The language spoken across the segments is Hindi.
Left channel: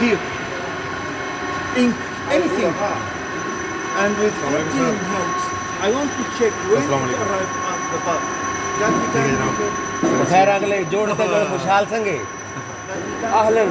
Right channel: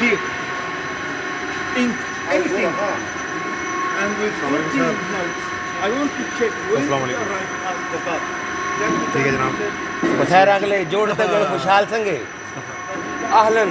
here, ink, anything. And with 14 notes, I want to check when to arrive at the bar. That we can खैर अगले जोड़ तक खुशहाल संगे अहलन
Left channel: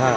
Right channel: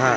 हाँ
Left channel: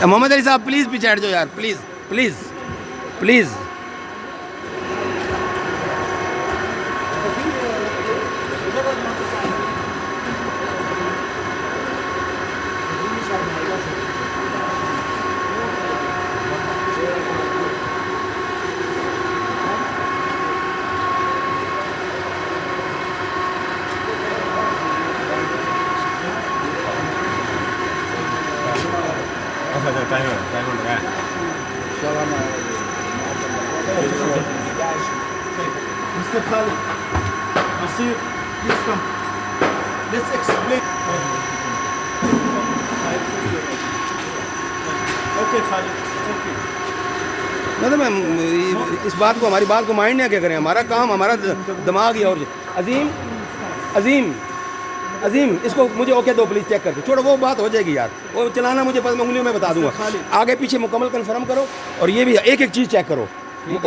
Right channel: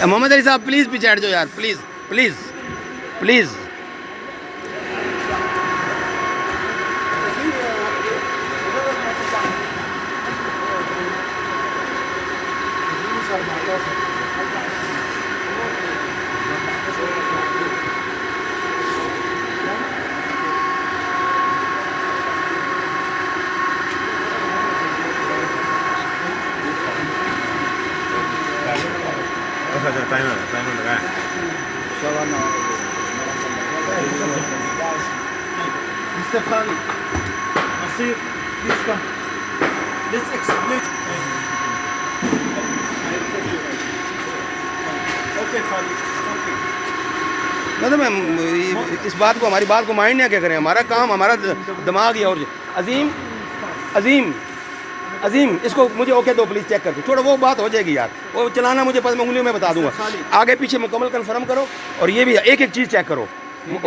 मोहम्मद अली साहब प्लीज़ पीछे हट जाओ यार प्लीज़ प्लीज़ प्लीज़ टाइमर लगा है. Mr. Khalid, Asir, please come. Let's explain. Okay, Khalid. Okay. मतलब मैं इस बात को हमारी बात को माइंड नहीं क्या करें हमारा काम हमारा दिमाग ही और अजीम अजीम अजीम इसको मुझे ओके दो प्लीज़ चेक करके छोड़ो वो बात हो जाएगी यार वो चलाना मुझे पता उंगलियों में बता दूंगा आगे पीछे मुकम्मल कंफर्म करो और ये भी एक एक चीज़ चेक करो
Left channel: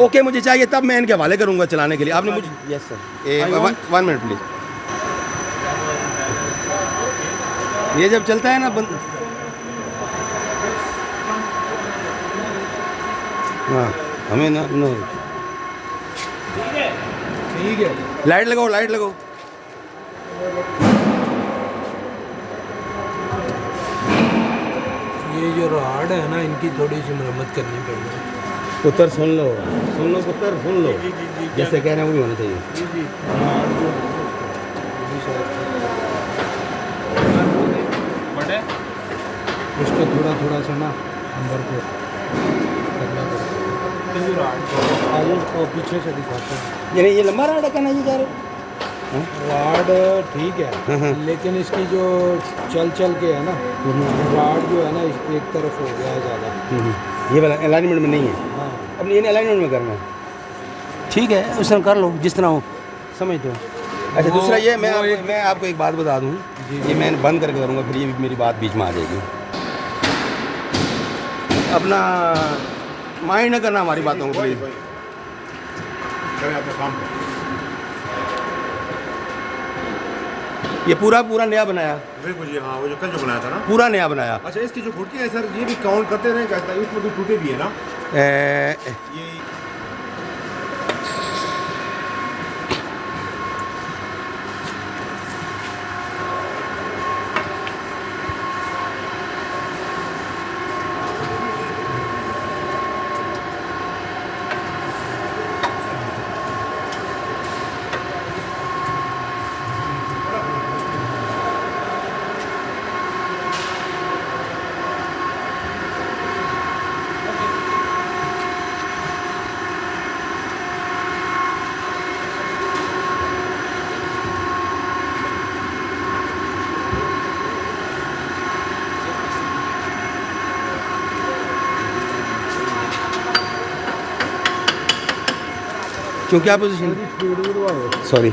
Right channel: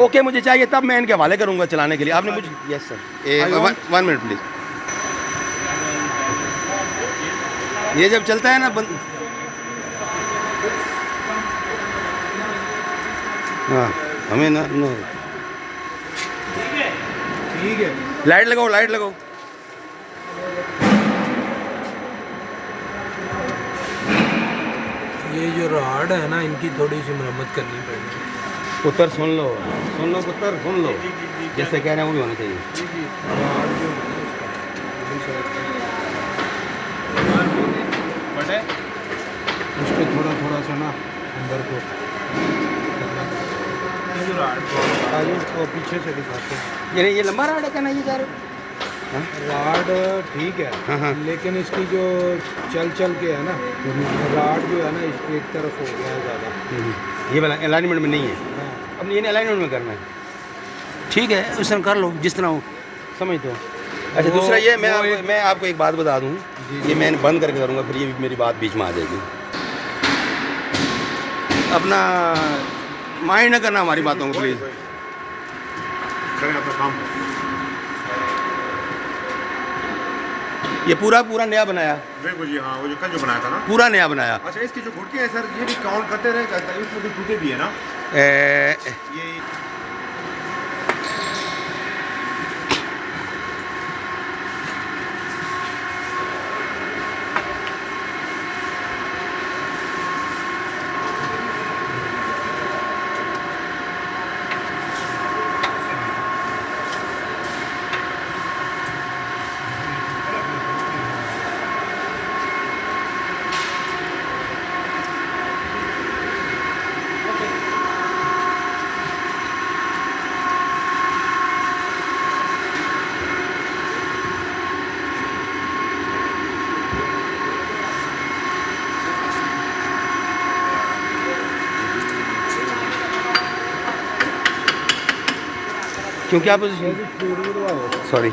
ओके मुझे चाहिए तब मैं इनके हवाले करूंगा चलाने के लिए आपने मुझे यस सर 1 मिनट प्लीज़ ये जब चलता है ना हाँ हमें ना नहीं ठीक है. लाइट लगाओ ये जो रॉड है ना इनकी थोड़ी सी मरम्मत करनी पड़ेगी. पुत्र सुन लो पुत्र सुन लो जैसे कह रहे हैं वो भी होना चाहिए उसको थोड़ा सा ना अंदर को आगे को पीछे से दिखाते हैं. ये लंबा राड है क्या ना ये जा रहे राड ठीक है हाँ. लेकिन इसकी जो चल के है ना राड जो है ना एक तरफ हो गया है ज़्यादा. ये वाला अलाइनमेंट में नहीं है हाँ अब ये अलाइनमेंट में करना है ठीक है उसने कर लो जिस तरह हो समझ दो अच्छा दूसरा ये मैं आपको एक बात बता दूं ये मैं बंद करके करूँगा फिर ये मेरी बात बीच में आ जाएगी अपना माइंड न करना हमारी बातों को प्लीज़ करें अपना काम. ये पूरा नया बनाया बिल्कुल जी. हाँ वो जो कल जो बनाया था ना पूरा नया बनाया अच्छा इसकी जो घुटकी है सर ये भी काउंट करते रहे इसमें भी टूटे भी है ना ए, ये क्यों क्या पोजीशन सॉरी